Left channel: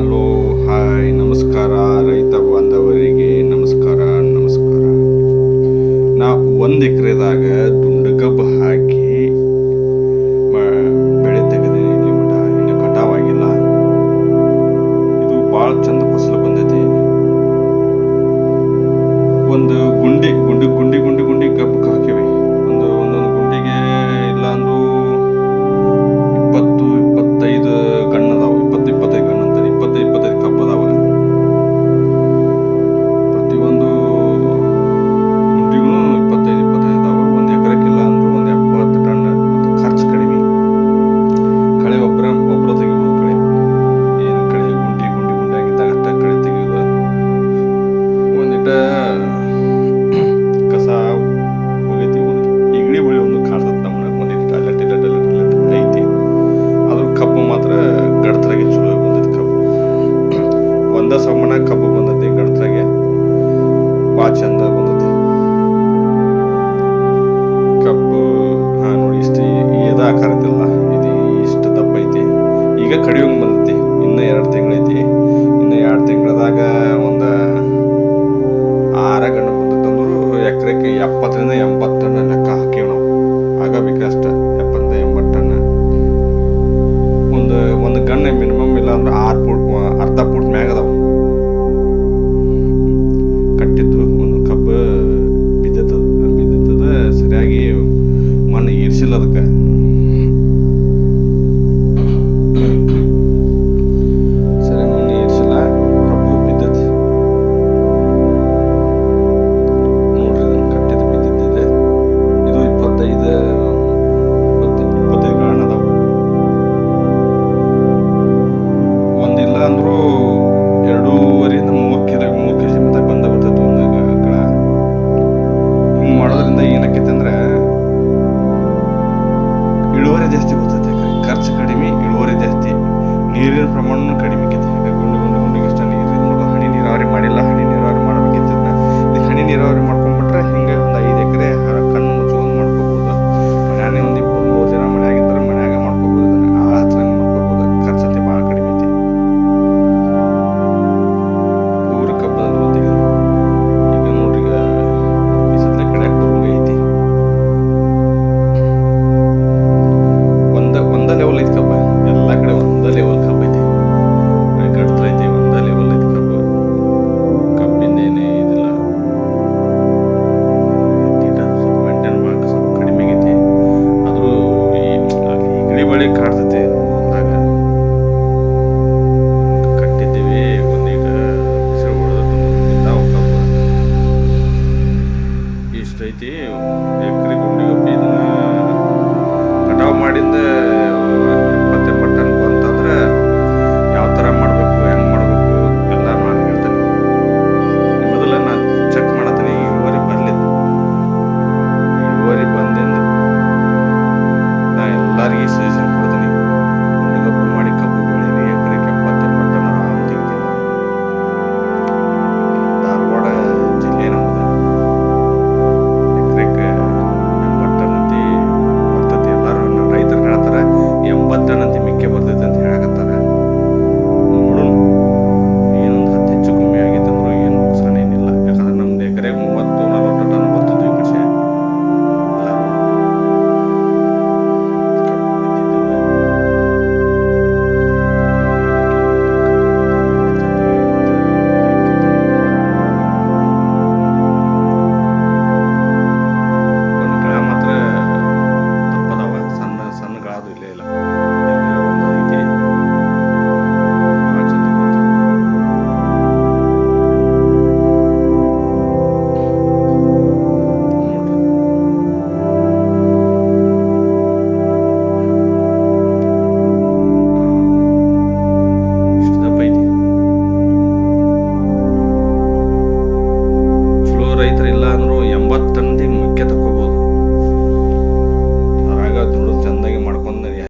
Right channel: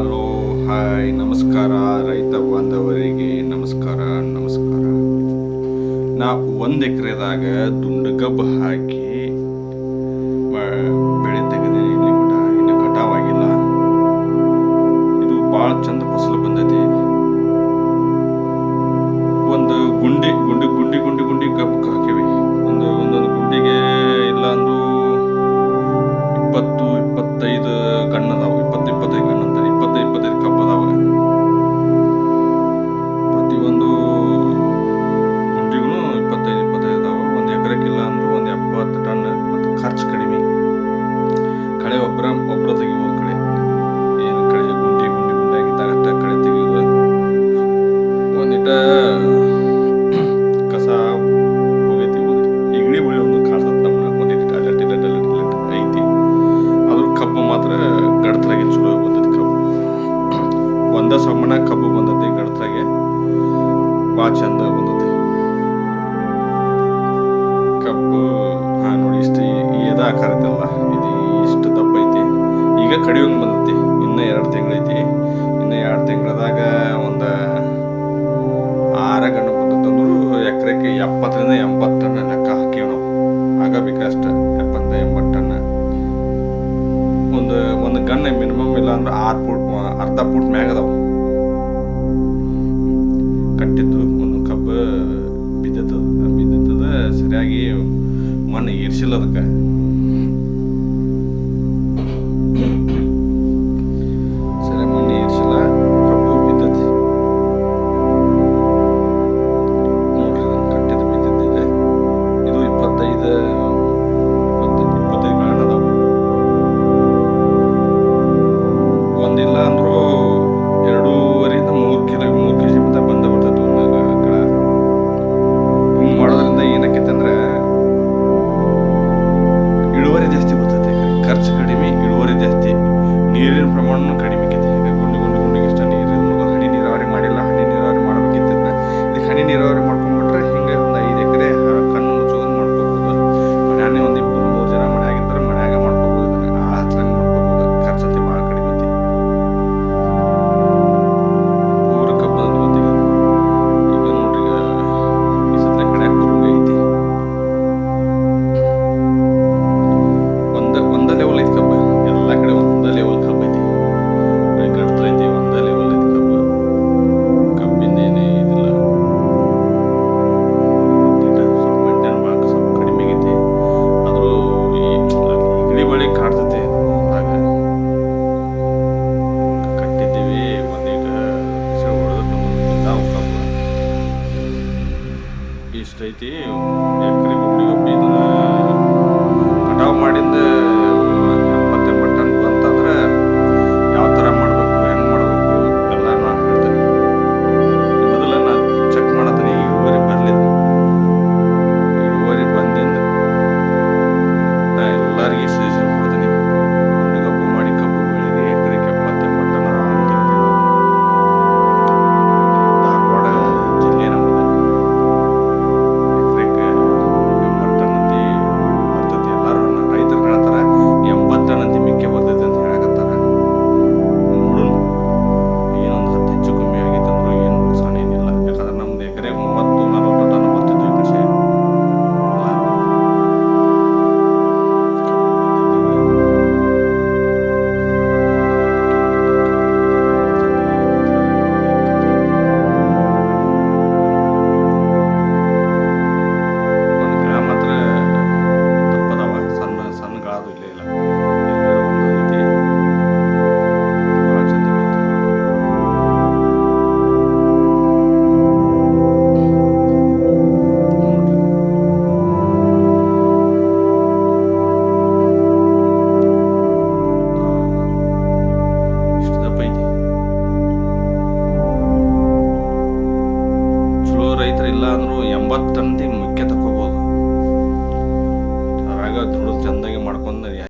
Hello, hi, ನಮಸ್ಕಾರ ರೈತ ಬಾಂಧವರಿಗೆ ನಮಸ್ಕಾರ. ನಾ 1 ಎಕರೆದಾಗ ದುಂಡಗಬ್ಬ ಹಾಕಿ ಬೆಳೆ ತೆಗೆದೀನಿ. ಇಲ್ಲಿ ಮಟ ಇನ್ನು ಕಟಾವಾಗಿಲ್ಲ. ಇದು ಭಾಳ ಚಂದ ಫಸಲು ಬಂದೈತಿ. ಒಂದು ಗುಂಡಿ ಗುಂಡಿ ಗುಂಡಿ ಗುಂಡಿ ಗುಂಡಿ ಗಬ್ಬಕ್ಕೆ ಹಾಕಿವಿ. ಒಂದೊಂದು ಗುಂಡಿಗೆ ಇಲ್ಲ ಅಂದ್ರೂ 20-25 ಗಣ್ಣು ಅದಾವ. 20-25 ಗಣ್ಣು ಅಂತಾರೆ. 20-25 ಕಬ್ಬು ಅದಾವ. ಪ್ರತಿಯೊಂದು ಗುಂಡಿಗೂ 25-25 ಅದಾವ. 1 ಎಕರೆಕ್ಕಿಲ್ಲ ಅಂದ್ರೂ ಒಂದು 70 ಟನ್. ಮತ್ತು ಖರ್ಚು ಕಡಿಮೆ. ಕಳೆ ಒಬ್ಬರ ತೆಗಿಬೋದು. ಕಳೆ ಏನು ಕಳೆ ಗುಂಡಿ ಆಗಿದ್ದಾಗ ಅಷ್ಟ ಕಳೆ ತೆಗಿಯೋದು. ಒಂದಿಟ ಕಸ ಹೋಗೈತಿ. ಇಗಳಿ ಬಳಿ ಒಂದು ಕಾಡ್ತದೆ ನಮ್ಮನ್ನ. ಒಂದಿಟ್ಟು ಅಲ್ಲಟ್ ಐತಿ. ಅದ್ರ ಕಬ್ಬು ಮಾತ್ರ ಗಡ್ತರಾಗೆ ಚಲೋ ಬಂದೈತಿ. ಕಬ್ಬು ಒಂದ ಸಮ್ಮನ ಕಬ್ಬು ಬಂದೈತಿ. ಗಡ್ತರಾಗೆ ಭಾಳ ಚಂದ ಬಂದೈತಿ ಕಬ್ಬು. ನೋಡಿ ಇಷ್ಟು ಎದ ಆಕಾರ ಐತಿಲ್ಲ, ಇದು ಇಷ್ಟು ದಪ್ಪ ಐತಿ. ಈಗ ಕಡಿಯೋಂಗೆ ಬಂದೈತಿ. ಇನ್ನೂ 2 ತಿಂಗಳೈತಿ. ಇನ್ನು 2 ತಿಂಗಳದಾಗ ಒಂದು 6 ಗಂಟೆ ಬಂದೈತೆ ಅಂದ್ರು ಎಕರೆಕ್ಕೆ 70-80 ಟನ್ ಲೆಕ್ಕ ಹಾಕಿವಿ ನಾವು. ಆಗಬೇಕಷ್ಟ 70-80 ಟನ್. ಒಂದು ಗಣ್ಣೆ ಮಿನಿಮಮ್ ಇಲ್ಲ ಅಂದ್ರೆ 6 ಫೂಟ್, ಅರ್ಧ ಫೂಟ್ ಮ್ಯಾಗ ಅದಾವ ಕಟ್ಟಿದ್ದು. ಒಂದು ಕಬ್ಬು ಬಿದ್ದದ ಸರಿಯಾಗಿ ಮಣ್ಣು ಏರ್ಸಿಲ್ಲ. ಅದಕ್ಕೆ ಸರಿ ಮಣ್ಣು ಏರ್ಸಿಲ್ಲ, ಕಬ್ಬು ಬಿದ್ದತಿ. ನೋಡ್ರಿ, ಇದನ್ನು ಕಟ್ಟಿದ್ದು ಬಿದ್ದಿದ್ದಿದೆ. ಇದು 25 ಗಣ ಅದಾವ. ಒಂದಿಲ್ಲ ಅಂದ್ರೂ 2.5-3 ಕೆಜಿ ಮತ್ತ ಬಂದ ಬರ್ತೈತಿ ಒಂದು ಕಡ. ಹಿಂಗೆ ಮಾಡೋದ್ರಿಂದ ಏನಕ್ಕೈತೆ ಅಂದ್ರೆ ಇಳುವರಿ ಜಾಸ್ತಿ ಬರ್ತೈತಿ. ಖರ್ಚು ಕಡಿಮೆ, ಇಳುವರಿ ಜಾಸ್ತಿ, ನೀರಿನ ಪ್ರಮಾಣ ಕಡಿಮೆ ಆಕೈತಿ. ಗುಂಡಿಗೆ ಎಷ್ಟ ನೀರು ಹನಿ ನೀರಾವರಿ ಮಾಡಿಲ್ಲ. ಹನಿ ನೀರಾವರಿ ಮಾಡ್ಬೇಕಿತ್ತು. ಇದಕ್ಕೆ ಹನಿ ನೀರಾವರಿ ಮಾಡ್ಕೊಂಡ್ಬಿಟ್ರೆ ಹಿಂಗೆ ಒಂದು 5 ಎಕರೆ ಕಣ್ಣು ಮುಚ್ಚುವಂದು ಮಾಡ್ಕೋಬಹುದು. ಮನ್ಯಾನೇ ಒಂದು 23 ಜನ ಮನ್ಯಾಗಿದ್ದರೆ ಮನ್ಯಾಗ ಮಾಡ್ಕೋಬಹುದು. ಇದನ್ನ ಆಳ ಹಚ್ಚಂಗೆ ಮಾಡ್ಕೋಬಹುದು. ಖರ್ಚಂತೆ ಭಾಳ ಕಡಿಮೆ ಐತಿ. ಪೂರ ಕಬ್ಬದ ಹೊತ್ತಿಗೆ ಈಗ ನೋಡ್ರಿ, ಈ ಸದ್ಯ ಕಡ್ಯಾಕ್ ಬರುವಂಗ ಐತಿ. ಒಂದ ಲೆವೆಲ್ ಐತಿ ಕಬ್ಬ. ಎಲ್ಲ ಕಡೆ ಒಂದ ಲೆವೆಲ್ ಕಬ್ಬ ಐತಿ. ಗಡ್ತ ಐತಿ, ಒಂದ ಲೆವೆಲ್ ಐತಿ ಕಬ್ಬ. ಕಬ್ಬಿಂದ ಏನೇ ಇದಿಲ್ಲ. ಸ್ವಲ್ಪ ಮೇಂಟೈನ್ ಮಾಡಕ್ಕೆ ಸ್ವಲ್ಪ ಕಡಿಮೆ ಆಗೈತಿ. ಆದರೂ ಈ ಇಗಳಿ ಬಳಿ ಕಾಡ್ತೈತಿ. ಹೊಲ್ದಾಗ ಕಟ್ಟಿದ್ದೀವಿ. ಒಂದೀಗ ಬಿಸಿಲು ಹೊಡೆದ ಬಿದ್ದಾವ ಕಬ್ಬು. ಇಷ್ಟ ಐತಿ ಎಕರೆ ಗುಂಡಿ ಗಬ್ಬಿ. ಇದನ್ನ ಕಟಾವು ಮಾಡಿಂದ 70-80 ಟನ್ ಬಂತಂದ್ರೆ ಯಾವ ಥರ ಮಾಡಬೇಕು, ಹೆಂಗೆ ಮಾಡಬೇಕು ಎಲ್ಲ ನಾನು ಹೇಳ್ತೀನಿ. ಮೊದಲ ನಾನು ಚೆಕ್ ಮಾಡತ್ತೀನಿ ಇಳುವರಿ ಬರಲಿದ್ದು. ಇಳುವರಿ ಬಂದಿಂದ ನಾ ಎಲ್ಲರಿಗೆ ಸಜೆಷನ್ ಕೊಡ್ತೀನಿ. ಗುಂಡಿಗಬ್ಬು ಮಾಡಿ ಕಬ್ಬು ಬೆಳೀರಿ. ಎಕರೆಗೆ 70-80 ಟನ್ ಆರಾಮ್ ತೆಗಿತೀನಿ. ಧಾರವಾಡ ಜಿಲ್ಲೆ ನಮ್ಮದು. ಎಕರೆಗೆ 80 ಟನ್ ಅಂತಿ ಬರ್ತೈತಿ. ಎಲ್ಲರೂ ರೈತರು ಹೇಳ್ತಾರೆ 80 ಟನ್ ಅಂತಿ ಮಿಕ್ಕೆ ಬರ್ತೈತಿ ಅಂತ ಹೇಳಕತ್ತಾರ. ನೋಡೋಣ, ಏನೊಂದು 10 ಹೆಚ್ಚು ಕಮ್ಮಿ ಆಗೈತೆ ಅಂದ್ರೂ ಏನು ನುಕ್ಸಾನ ಏನಿಲ್ಲ. ಯಾಕಂದ್ರೆ ನಮ್ದು ಎಕರೆಗೆ 30-40 ಟನ್ ಬರ್ತಿದ್ವು ಈ ಕಡೆ. ಎಲ್ಲರೂ ಒಂದು ಗಿಡ ಮಾತ್ರ ತಪ್ಪದವ. ಸಣ್ಣ ಗಳದು ಇಲ್ಲೇ ಇಲ್ಲ. ಎಲ್ಲರೂ ಒಂದು ಐತಿ. ಭಾಳ ಚಂದ ಬಂತು. ನೋಡ್ರಿ, ಇಷ್ಟು ದಪ್ಪ ಐತಿ. ಚಲೋ ರೈತರು ಇಲ್ಲ ಅಂದ್ರು 80 ಟನ್ದಿ ಮುಖ್ಯ ತಕ್ಕೋಬಹುದು. ಅದ್ರಾಗ ದುಡ್ಡು ಚಂದಾಗಿ ಮಾಡ್ಕೊಂಡು